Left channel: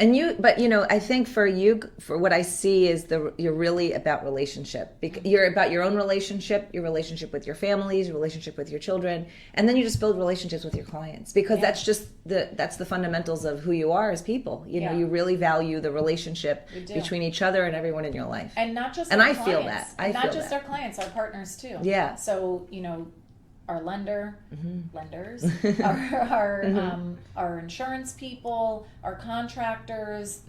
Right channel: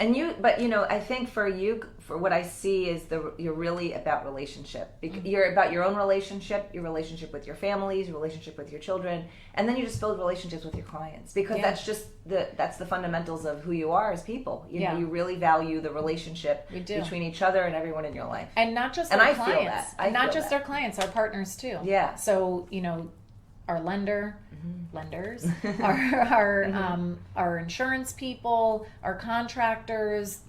And I think for you, for what I see is you're really about relationship. You're about your own relationship, your relationship with your families, your relationship with your children, and then you just build relationships with your clients because that's just that's the fundamentals of who you are as people. You know, you really value the relationship between each other and everyone in your life. And not just our clients. Feel that. Not just our clients, our partners too. Yeah. So, our lenders, our insurance people, our contractors,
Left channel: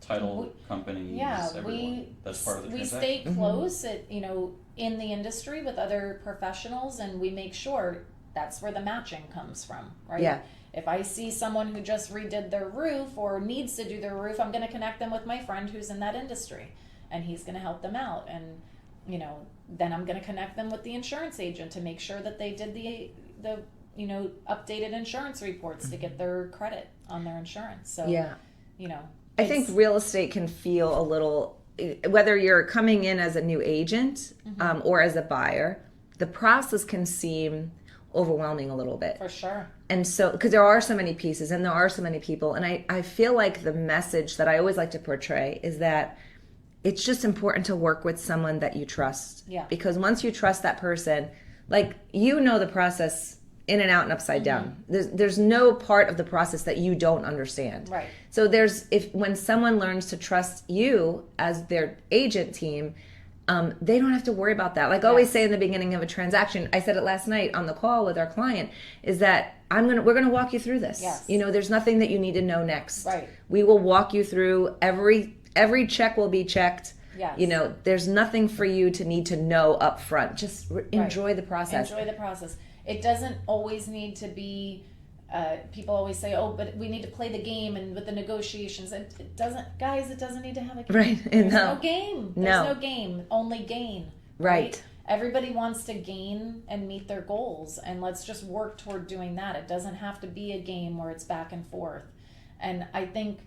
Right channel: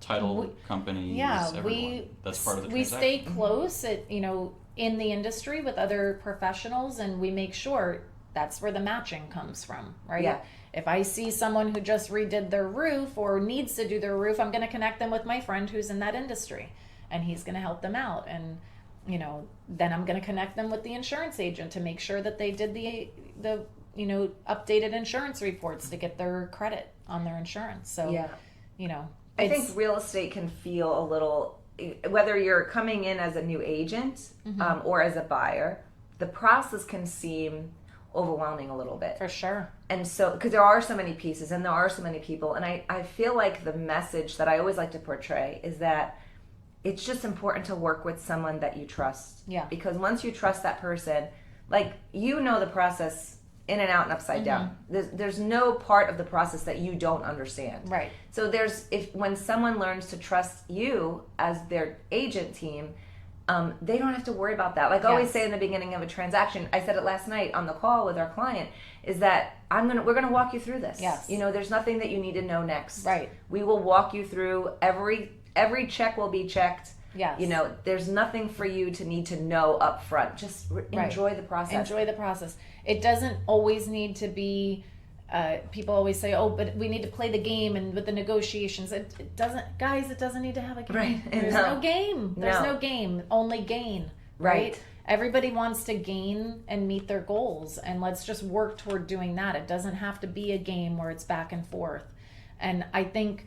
title companies. Yeah, everyone. That's part of the we stay close at in the industry with other professionals, and we make sure that's where the matching comes from, right? Yeah. If I see someone who just redid their roof or needs to do their roof, I'm going to connect them with my friend who's in that industry, and he's going to help them out. And then I'm going to connect them with the insurance agent to make sure that they did the updated insurance reports to get their credit on their insurance. So, I think real estate can feel a little, whether you're coming in as a new agent or as a buyer, the process can seem overwhelming a little bit. For sure. And so, because there are so many pieces and there are so many people, and I feel like the message that I always like to portray is that it's just important to work with someone that you trust. Yeah. Because once you trust that person, the process in and out and upside down. There's no part of the process that you don't understand. Right. So when someone learns to trust you as their agent team, they don't have to worry about that. I always say in the beginning of a transaction, I said it last night on the call with our client, is that we're gonna walk you through this. Yes. There's nothing that you need to know next. Right. We will walk you through every check will be checked. Yes. There's nothing for you to need to know up front. Just enjoy the process. Enjoy the process. It doesn't always need to be, people always say, oh, but we need to play the game and with the negotiations. It doesn't, guys, it doesn't need to have a game. Right. There's no game. There's no game. Only gain. Right. Everybody wants to gain and meet their goals, and let's just work toward doing that. It doesn't have to be a game where it's back and forth. And I think,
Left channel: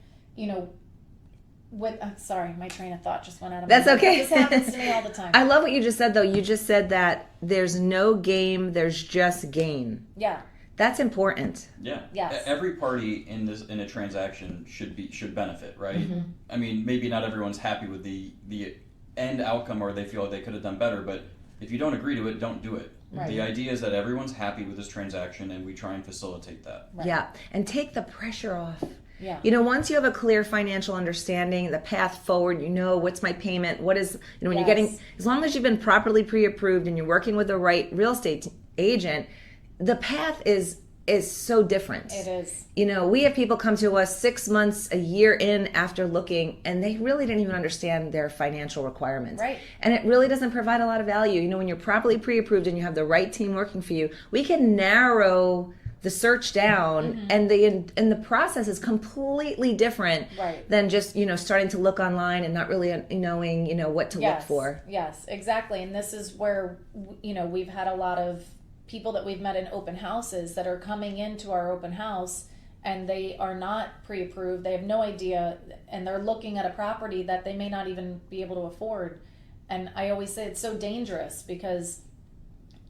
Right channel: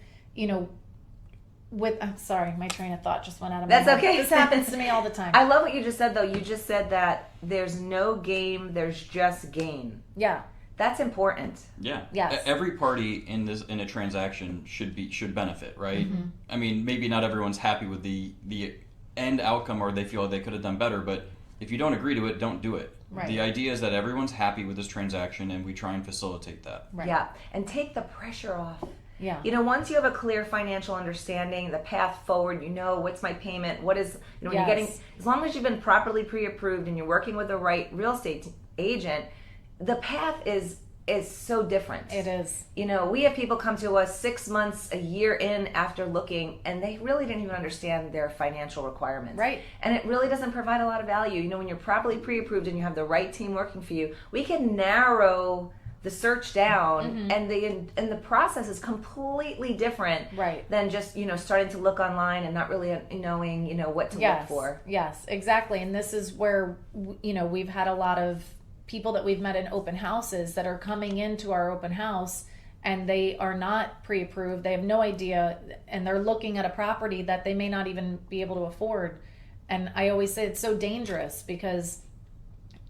sorry, my train of thought just went out of my head. That's okay. This happens to me all the time. I love what you just said, though. You just said that there's no game, there's just gain. Yeah. That's important. Yeah. Yes. Every party in a transaction should benefit, right? Mm-hmm. I mean, maybe not everyone's happy with the end outcome, or they feel they could have done better, but if you don't agree to it, don't do it. Right. The idea is that everyone's happy with this transaction, and we try and facilitate that. Right. Yeah. And take the pressure off. Yeah. Once you have a clear financial understanding, the path forward, what's my payment, what is, when you're getting, as long as you've been properly pre-approved and you're working with the right real estate agent, the path is so different. It is. We have people come to us 6 months, a year in after looking, and they really didn't even understand their financial requirements. Right. And it really doesn't provide a lot of value. When you're properly pre-approved and you have the right team working for you, we can narrow the search down, and the process is completely different than just starting to look online and not really knowing what to look for. Yes, exactly. And this is where we've had a lot of people that we've met in open houses that are coming into our open house, and they are not pre-approved. They have no idea, and they're looking at a property that they may not even be able to afford. And I always say it's so dangerous because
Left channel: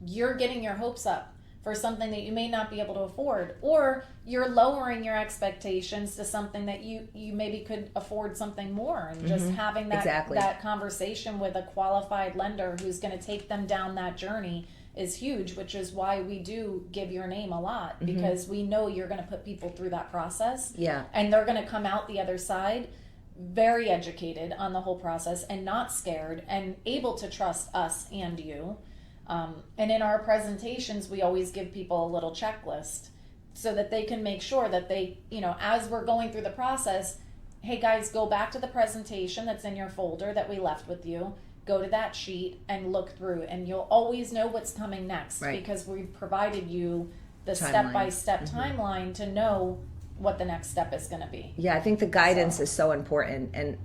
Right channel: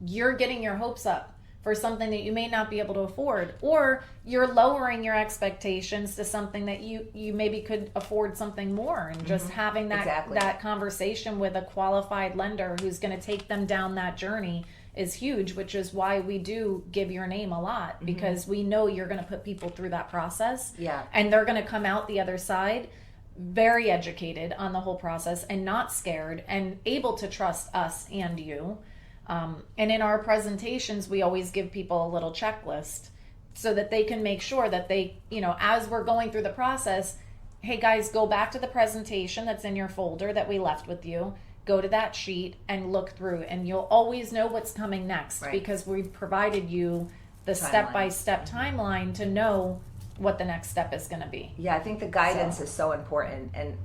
you're getting your hopes up for something that you may not be able to afford, or you're lowering your expectations to something that you maybe could afford something more, and just having that conversation with a qualified lender who's going to take them down that journey is huge, which is why we do give your name a lot, because we know you're going to put people through that process, and they're going to come out the other side very educated on the whole process and not scared and able to trust us and you. And in our presentations, we always give people a little checklist so that they can make sure that they, as we're going through the process, hey guys, go back to the presentation that's in your folder that we left with you, go to that sheet and look through, and you'll always know what's coming next, because we've provided you the step-by-step timeline to know what the next step is going to be. Yeah, I think the guidance is so important, and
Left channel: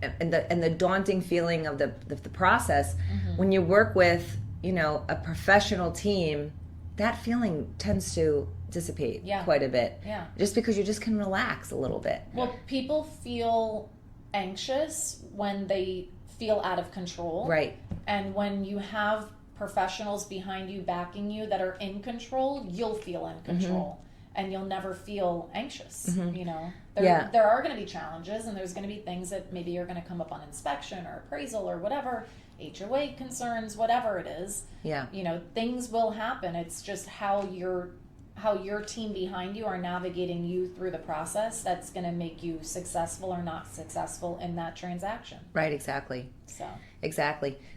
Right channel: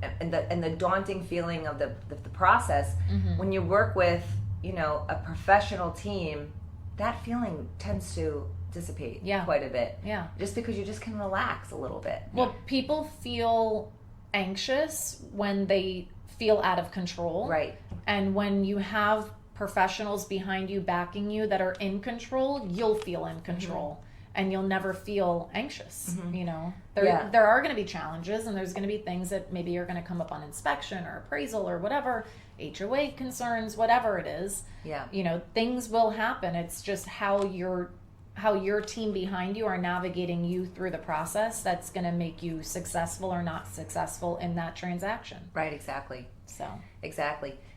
the daunting feeling of the process when you work with a professional team, that feeling tends to dissipate quite a bit. Yeah. Just because you just can relax a little bit. Well, people feel anxious when they feel out of control. Right. And when you have professionals behind you backing you that are in control, you'll feel in control. and you'll never feel anxious. Mm-hmm. You know, there are going to be challenges, and there's going to be things that maybe are going to come up on inspection or appraisal or whatever, HOA concerns, whatever it is. Yeah. You know, things will happen. It's just how your team behind you are navigating you through the process that's going to make you successful or not successful in that transaction. Right, exactly. So Exactly.